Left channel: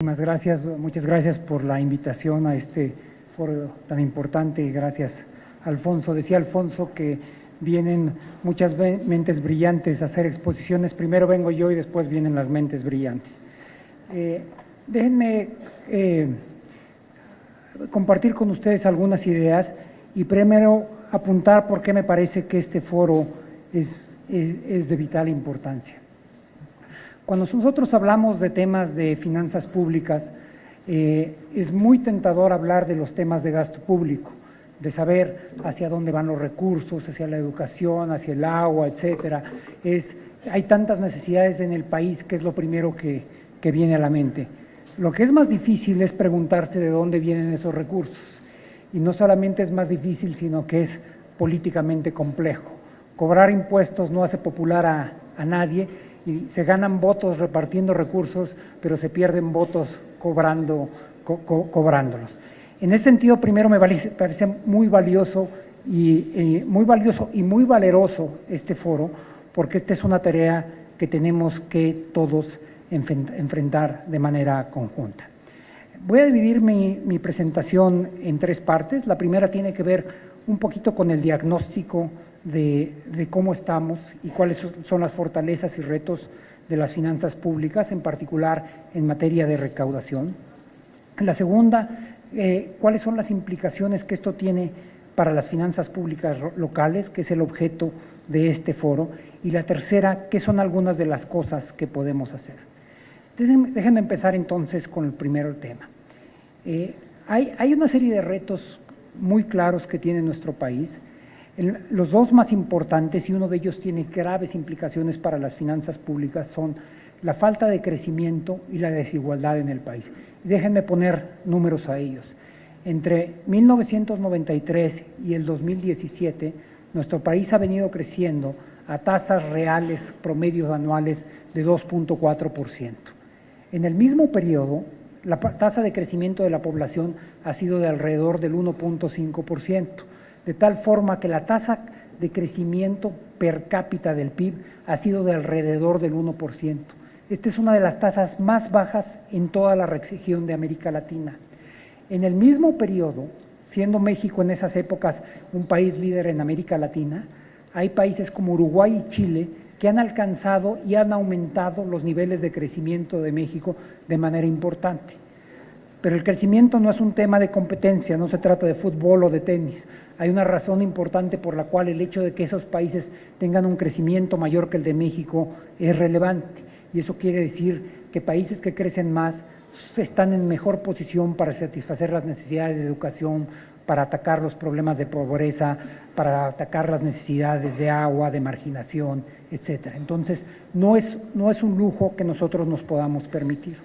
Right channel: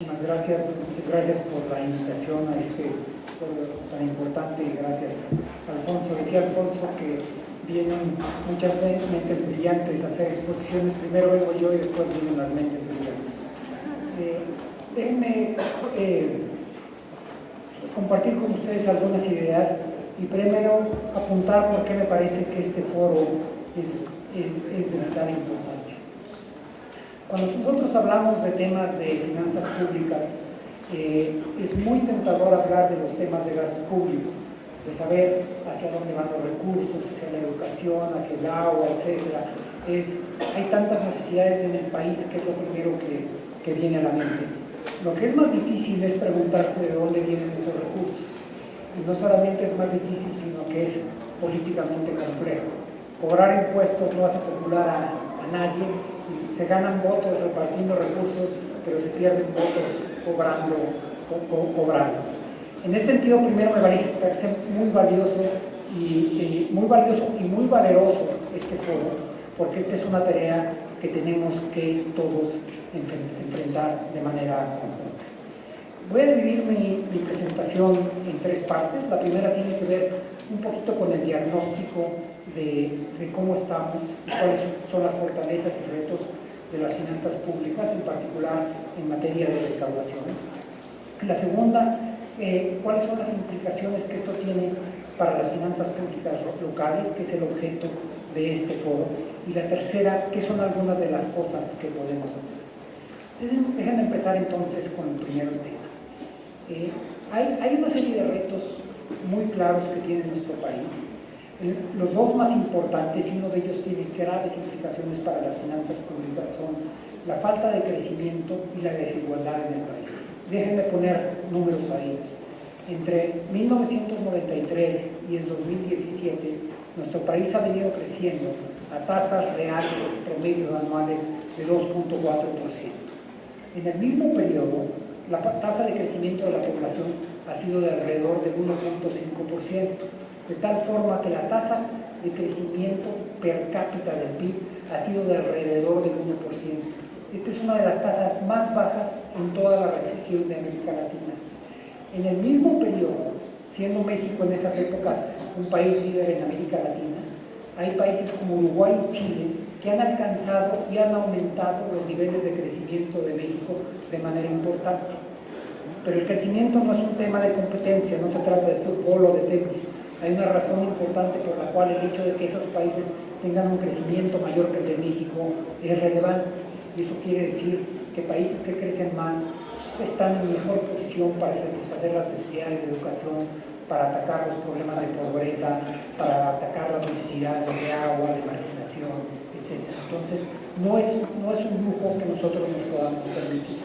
Muchas gracias por la invitación a este foro tan importante y gracias Alfonso. Decía Alfonso que vienen muchas mentes brillantes a hacer exposiciones, primero vengo yo y después vienen las mentes brillantes. Déjenme compartir con ustedes algunas ideas y primero apuntar por qué me parece que este foro es de vital importancia. Cuando nosotros hablamos de temas de finanzas públicas, es muy tentador hablar de los temas de gasto público, de saber hacia dónde van los recursos, hacia la educación, hacia el agua, etc. Hay tantas necesidades en el país que es lo primero que viene a la mente. Lo que es más difícil es preguntarse de dónde vienen esos recursos. Y no solamente es más difícil, sino que es políticamente complejo. Cobrar impuestos no hace popular a nadie, y se ganan votos repartiendo recursos, pero se pierden votos cobrándolos. En ese sentido, primero me parece muy valioso y muy valeroso este foro, porque esta es una tarea que tenemos que todos enfrentar de manera conjunta. Voy a dividir mi presentación en tres partes. La primera tiene que ver un poquito con el diagnóstico de cómo estamos y cuáles son las fortalezas y retos de las finanzas públicas, en particular en materia de recaudación. La segunda, cuáles son las implicaciones que esto tiene para las finanzas públicas locales, que es el objeto de este foro. Y la tercera, qué son algunas de las cosas que podemos hacer. Déjenme empezar entonces con el primero tema. Hay una serie de retos muy claros que tiene nuestro país. Los dos más importantes, y uno de ellos tiene graves implicaciones para las finanzas públicas, son la falta de crecimiento y la desigualdad en el país. Déjenme poner números a ellos. Entre 1993 y el 2017, nuestro país ha venido creciendo a tasas reales promedios anuales de 2.4%. En el mismo periodo, la tasa de crecimiento de la población ha sido de alrededor del 1.5%. De tal forma que la tasa de crecimiento per cápita del PIB ha sido de alrededor del 1%. Esta es una de las tasas más bajas en toda la región de América Latina. En el mismo periodo, siendo México en esas épocas un país líder en América Latina, hay países como Uruguay y Chile que han alcanzado y han aumentado los niveles de crecimiento de México de manera importante. Pero el crecimiento no es un tema de competencia, no se trata de fútbol o de tenis. Hay una razón importante por la cual el hecho de que esos países tengan un crecimiento mayor que el de México es relevante. Y eso quiere decir que países que crecen más están en mejor posición para satisfacer las necesidades de educación, para atacar los problemas de pobreza, para atacar las necesidades de agua, de marginación, etc. Entonces, no es un lujo que nosotros nos podamos permitir.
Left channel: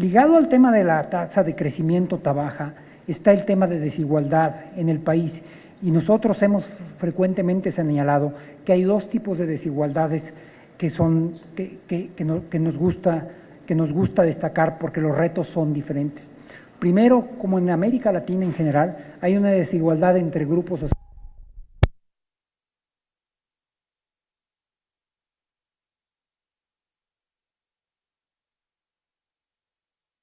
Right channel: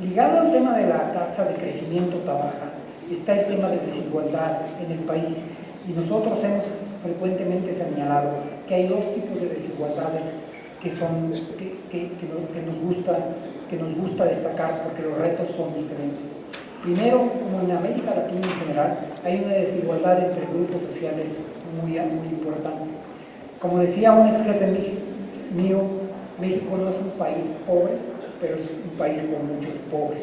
Ligado al tema de la tasa de crecimiento tan baja, está el tema de desigualdad en el país, y nosotros hemos frecuentemente señalado que hay dos tipos de desigualdades que nos gusta destacar porque los retos son diferentes. Primero, como en América Latina en general, hay una desigualdad entre grupos sociales muy importante. Como decía un ex jefe mío, México no es un país pobre, pero es un país con muchos pobres.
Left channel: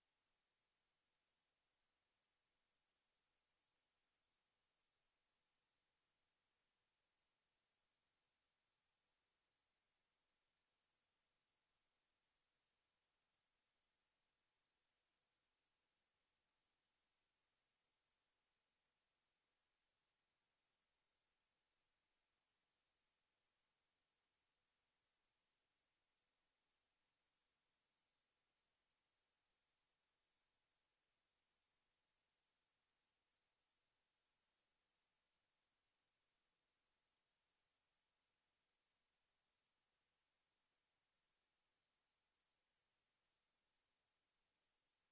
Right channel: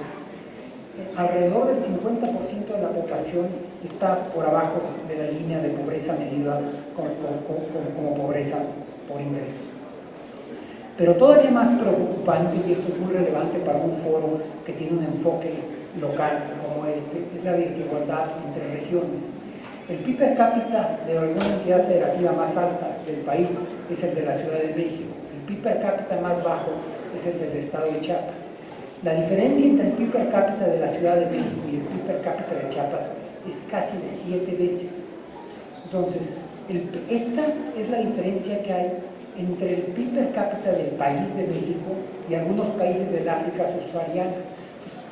Alrededor del 50% de la población está por abajo de la línea de pobreza medida como pobreza por ingresos. Pero todavía más preocupante, y esto es muy relevante para un foro que tiene un enfoque local como este, es la desigualdad entre regiones. El PIB per cápita de alguna entidad federativa más alta del país es el de la Ciudad de México. El PIB per cápita más bajo es el del estado de Chiapas. La diferencia entre el PIB per cápita de la Ciudad de México y el PIB per cápita de Chiapas es casi de 7 veces. Entonces, esta es la diferencia que hay entre el PIB per cápita del país de México y algunos países del África subsahariana.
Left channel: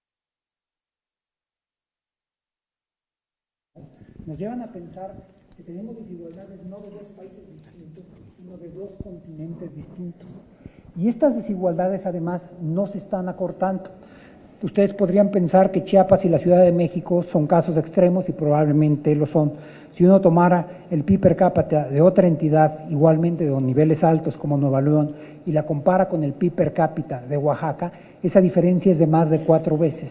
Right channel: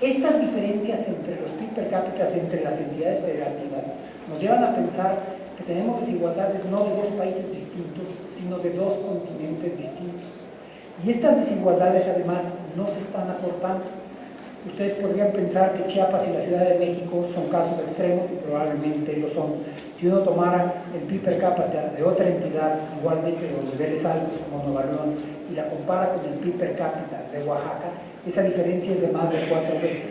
Estas diferencias entre los PIB per cápita entre las entidades federativas nos llevan a pensar que tenemos desigualdades no de dos países distintos, sino de dos continentes distintos. Y estas desigualdades además no se están acortando. Ustedes podrían pensar que Chiapas y la Ciudad de México son casos extremos y probablemente lo son. Si uno tomara el PIB per cápita de otra entidad igualmente de niveles altos como Nueva León y la compara con el PIB per cápita de Oaxaca, esa diferencia es de más de 4 veces.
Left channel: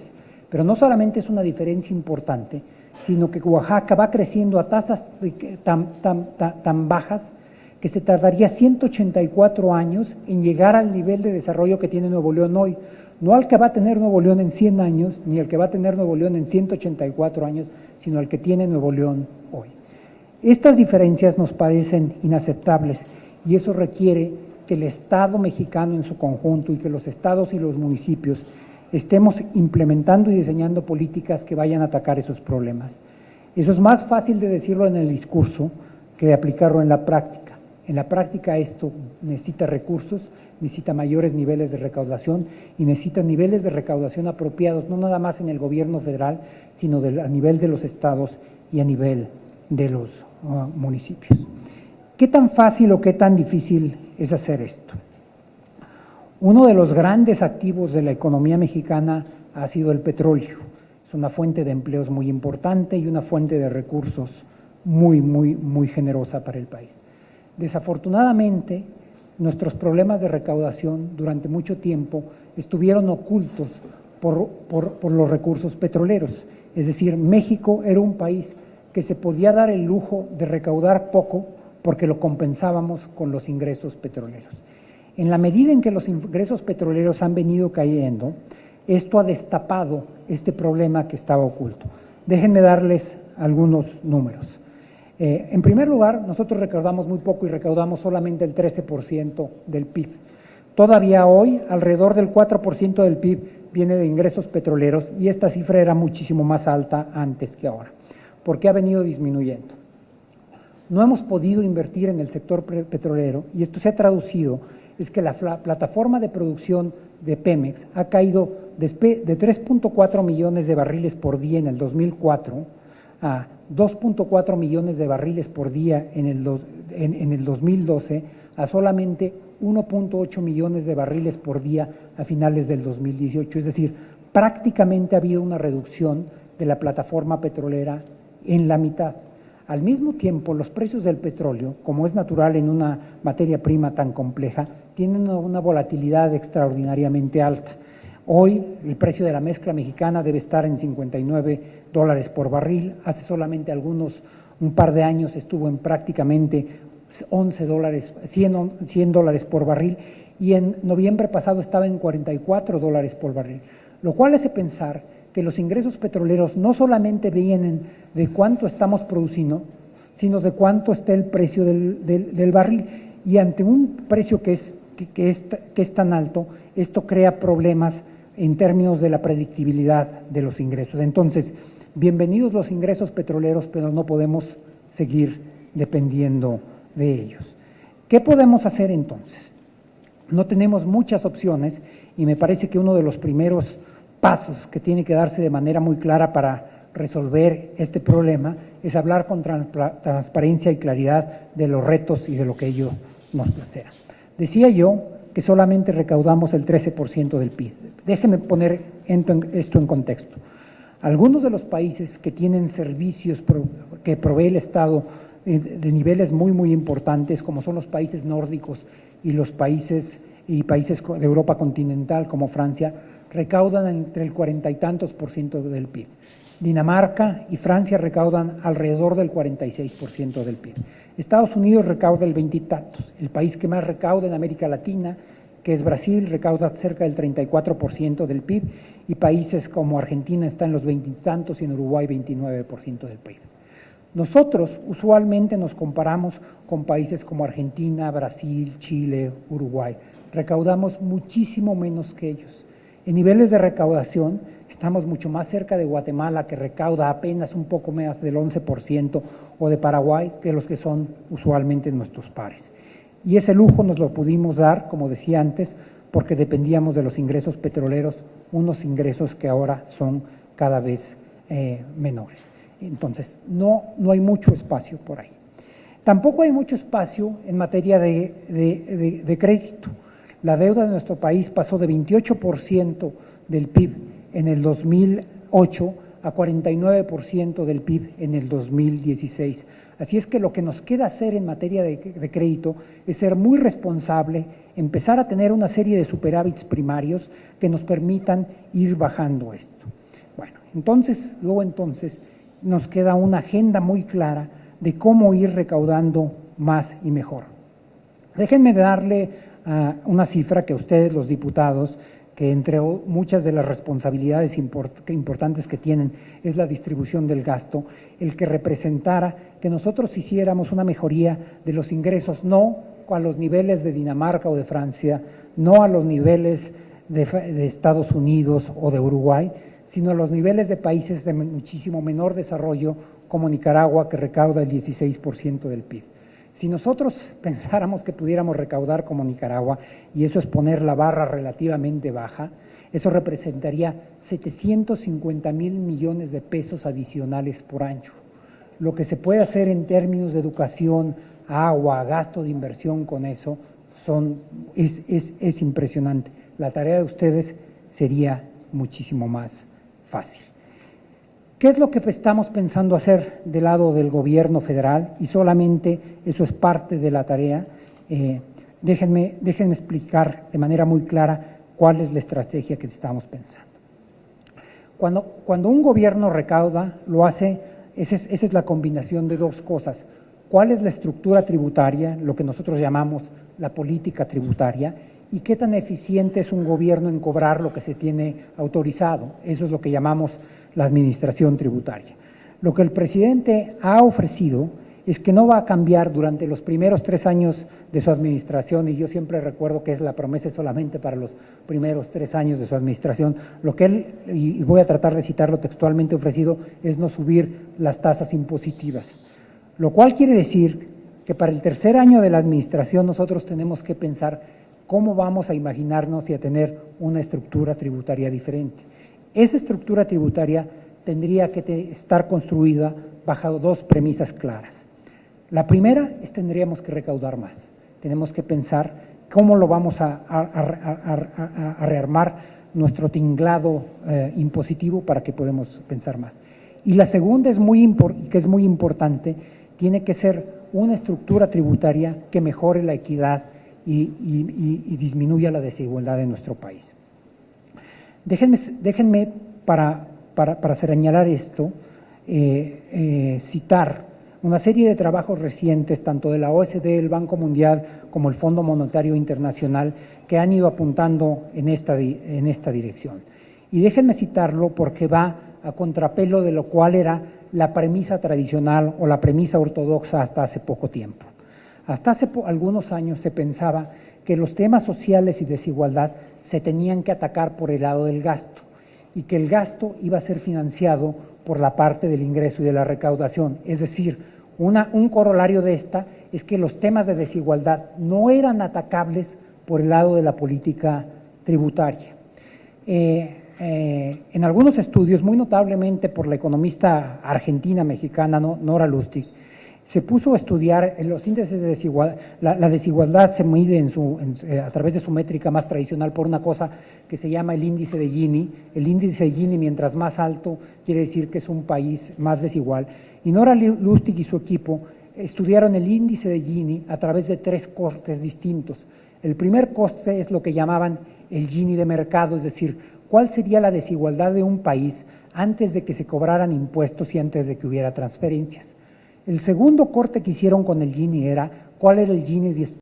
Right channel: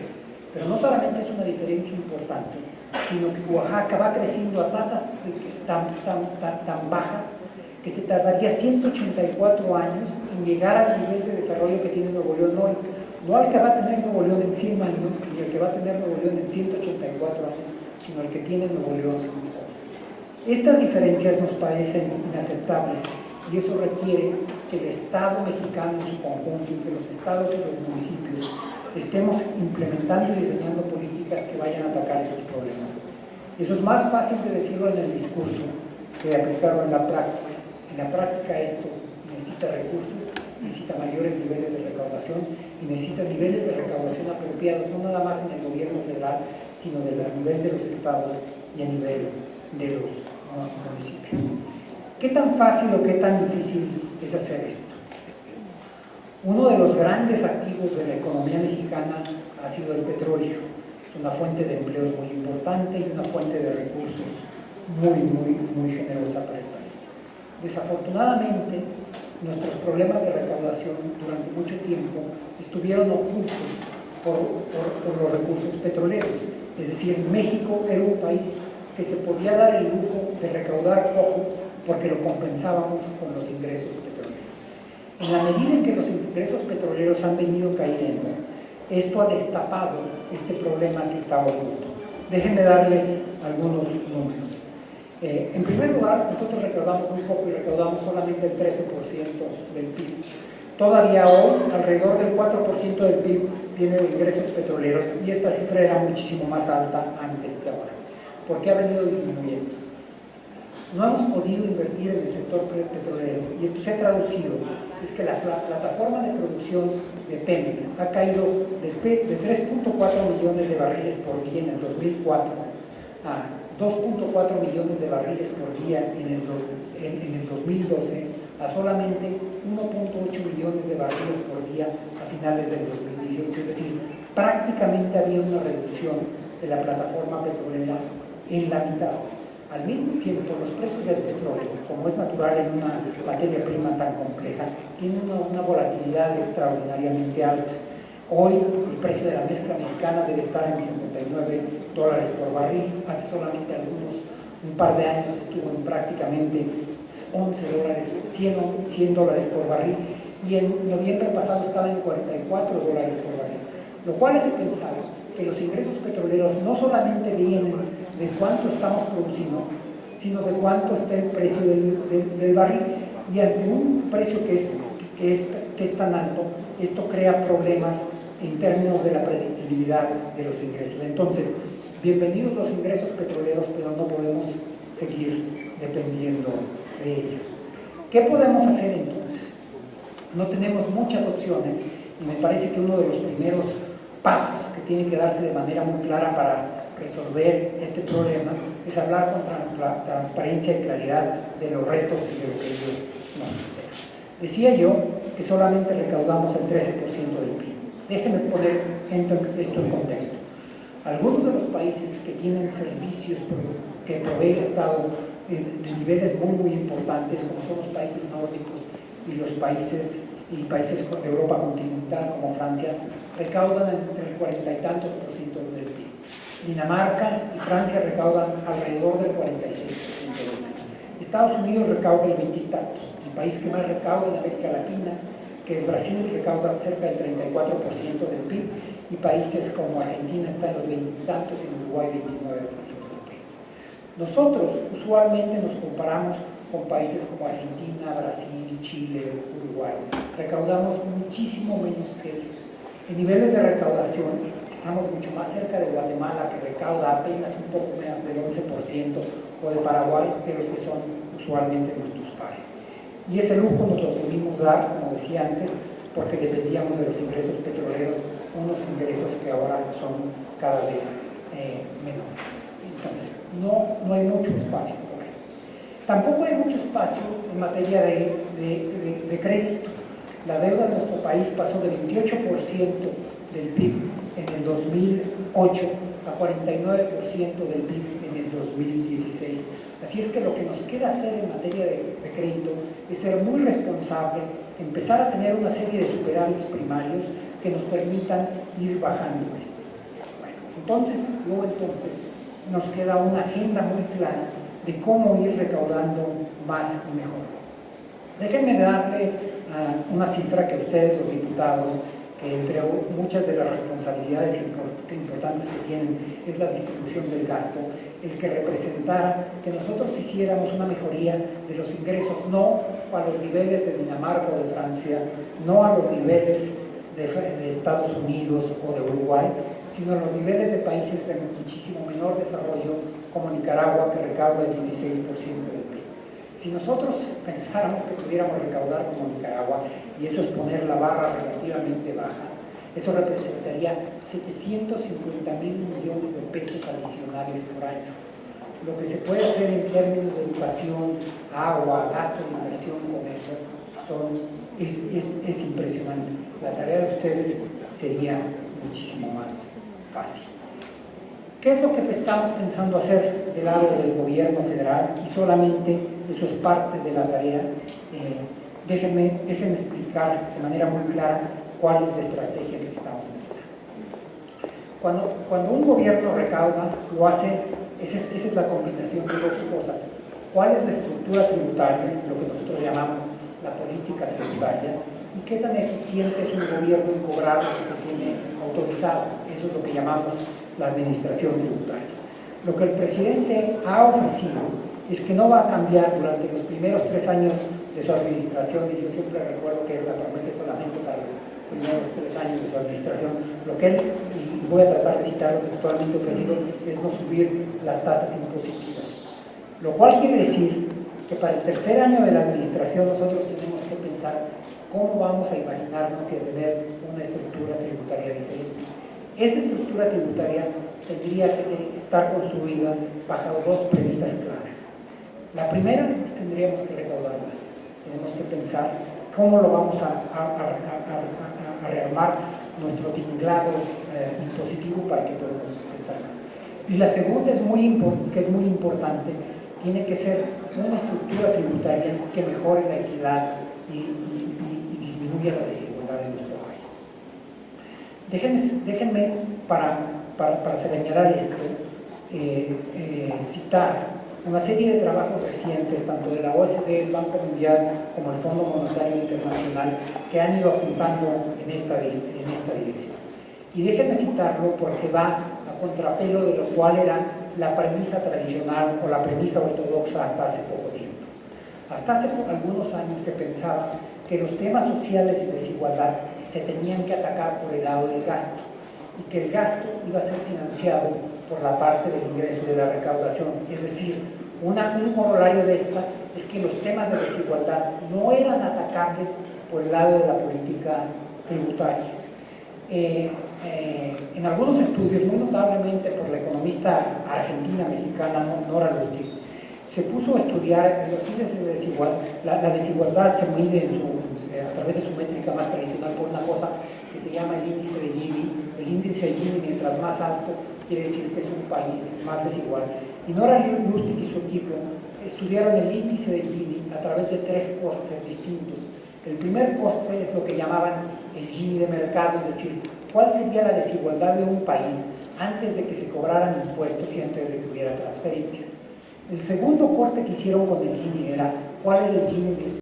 Pero no solamente es una diferencia importante, sino que Oaxaca va creciendo a tasas tan bajas que se tardaría 184 años en llegar al nivel de desarrollo que tiene Nuevo León hoy. No al que va a tener Nuevo León en 100 años, ni al que va a tener Nuevo León en 184 años, sino al que tiene Nuevo León hoy. Estas diferencias nos parecen inaceptables y eso requiere que el Estado mexicano en su conjunto y que los estados y los municipios estemos implementando y diseñando políticas que vayan a atacar esos problemas. Eso es más fácil de decirlo en el discurso que de aplicarlo en la práctica. En la práctica esto necesita recursos, necesita mayores niveles de recaudación y necesita niveles de recaudación apropiados, no nada más en el gobierno federal, sino a nivel de los estados y a nivel de los municipios. ¿Qué tan fácil o qué tan difícil es hacer esto? Uno de los grandes activos de la economía mexicana ha sido el petróleo. Es una fuente de empleos muy importante y una fuente de recursos muy generosa para el país. Desafortunadamente, nuestros problemas de recaudación durante mucho tiempo estuvieron ocultos por los recursos petroleros. Es decir, México era un país que se podía dar el lujo de recaudar poco porque lo compensábamos con los ingresos petroleros. En la medida en que los ingresos petroleros han venido cayendo, esto ha destapado este problema que estaba oculto. Déjenme darles algunos números. En primer lugar, nosotros recaudamos muy poco y recaudamos solamente el 13% del PIB. Todavía hoy, alrededor del 4% del PIB viene de ingresos petroleros y esta cifra era muchísimo más alta antes que ahora. ¿Por qué ha venido disminuyendo? No hemos podido invertir en el sector petrolero y esto se ha traducido, es que la plataforma de producción de Pemex ha caído de 3.4 millones de barriles por día en el 2004 a 2.4 millones de barriles por día en el 2012 a solamente 1.8 millones de barriles por día a finales del 2018. Es decir, prácticamente ha habido una reducción de la plataforma petrolera en la mitad. Al mismo tiempo, los precios del petróleo, como es natural en una materia prima tan compleja, tienen una volatilidad extraordinariamente alta. Hoy el precio de la mezcla mexicana debe estar en $59 por barril. Hace solamente un par de años estuvo en prácticamente $11, $100 por barril y en noviembre pasado estaba en $44 por barril, lo cual hace pensar que los ingresos petroleros no solamente vienen de cuánto estamos produciendo, sino de cuánto está el precio del barril. Y ante un precio que es tan alto, esto crea problemas en términos de la predictibilidad de los ingresos. Entonces, bienvenidos los ingresos petroleros, pero no podemos seguir dependiendo de ellos. ¿Qué podemos hacer entonces? No tenemos muchas opciones y me parece que uno de los primeros pasos que tiene que darse de manera muy clara para resolver este problema es hablar con transparencia y claridad de los retos y de lo que ellos nos esperan. Decía yo que solamente recaudamos el 13% del PIB. Déjenme poner esto en contexto. Algunos de los países que tienen servicios que provee el Estado de niveles muy importantes, como son los países nórdicos y los países de Europa continental como Francia, recaudan entre el 40 y tantos % del PIB. Dinamarca y Francia recaudan alrededor del 46% del PIB. Estados Unidos recauda el 20 y tantos. El país que más recauda en América Latina, que es Brasil, recauda cerca del 34% del PIB y países como Argentina están en los 20 y tantos y en Uruguay 29% del PIB. Nosotros usualmente nos comparamos con países como Argentina, Brasil, Chile, Uruguay. Recaudamos muchísimo menos que ellos. En niveles de recaudación estamos mucho más cerca de Guatemala, que recauda apenas un poco menos del 11%, o de Paraguay, que los que son usualmente nuestros pares. Y ese lujo nos lo pudimos dar, como decía antes, porque dependíamos de los ingresos petroleros, unos ingresos que ahora son cada vez menores. Entonces, no hay mucho espacio por ahí. Tampoco hay mucho espacio en materia de crédito. La deuda de nuestro país pasó de 28% del PIB en el 2008 a 49% del PIB en el 2016. Así es que lo que nos queda hacer en materia de crédito es ser muy responsable, empezar a tener una serie de superávits primarios, que nos permitan ir bajando esto. Bueno, entonces nos queda una agenda muy clara de cómo ir recaudando más y mejor. Déjenme darle una cifra que a ustedes, los diputados, que entre muchas de las responsabilidades importantes que tienen es la distribución del gasto, el que representara que nosotros hiciéramos una mejoría de los ingresos, no a los niveles de Dinamarca o de Francia, no a los niveles de Estados Unidos o de Uruguay, sino a los niveles de países de muchísimo menor desarrollo, como Nicaragua, que recauda el 16% del PIB. Si nosotros pensáramos que pudiéramos recaudar como Nicaragua, y eso es poner la barra relativamente baja, eso representaría 750 mil millones de pesos adicionales por año. Lo que se puede hacer en términos de educación, agua, gasto de inversión con eso, es impresionante. La tarea de ustedes sería muchísimo más fácil. ¿Qué es lo que estamos pensando hacer del lado del gobierno federal? Y solamente eso es parte de la tarea. Déjenme explicar de manera muy clara cuál es la estrategia que estamos pensando. Cuando un gobierno recauda, lo hace, esa es la combinación de dos cosas. ¿Cuál es la estructura tributaria, lo que nosotros llamamos la política tributaria? ¿Y qué tan eficiente es un gobierno en cobrar lo que se tiene autorizado? Eso es lo que llamamos la administración tributaria. Lo que el presidente ha ofrecido es que no va a cambiar durante los primeros 3 años de su administración, y yo siempre recuerdo que es la promesa solamente para los primeros 3 años de su administración. Lo que él, y voy a tratar de citarlo textualmente, ofrecido es no subir las tasas impositivas, lo cual quiere decir que para el tercer año de la administración nosotros tenemos que pensar cómo vamos a imaginarnos y a tener una estructura tributaria diferente. Esa estructura tributaria tendría que estar construida bajo 2 premisas claras. La primera es que tendríamos que recaudar más. Tenemos que pensar cómo lo vamos a rearmar nuestro tinglado impositivo para que podamos pensar más. Y la segunda que es muy importante, tiene que ser una estructura tributaria que mejore la equidad y disminuya la desigualdad en nuestro país. Déjenme para señalar esto, citar una serie de trabajos recientes, tanto de la OSD, el Banco Mundial, como el Fondo Monetario Internacional, que han ido apuntando en esta dirección. Y déjenme citarlo porque va a contrapelo de lo cual era la premisa tradicional o la premisa ortodoxa hasta hace poco tiempo. Hasta hace algunos años se pensaba que los temas sociales y desigualdad se tenían que atacar por el lado del gasto, y que el gasto iba a ser financiado por la parte del ingreso y de la recaudación. Es decir, un corolario de esta es que los temas de desigualdad no eran atacables por el lado de la política tributaria. En algunos estudios, muy notablemente por la economista argentina-mexicana Nora Lustig, se puso a estudiar los índices de desigualdad. La desigualdad se mide a través de su métrica más tradicional por una cosa que se llama el índice de Gini. El índice de Gini, mientras más alto, quiere decir que es un país más desigual. Y Nora Lustig y su equipo estudiaron el índice de Gini a través de 3 costes distintos. El primer coste es lo que llamaban el Gini de mercado, es decir, cuál sería la desigualdad de un país antes de que se cobraran impuestos y antes de que hubiera transferencias. El segundo corte que hicieron con el Gini era cuál era el Gini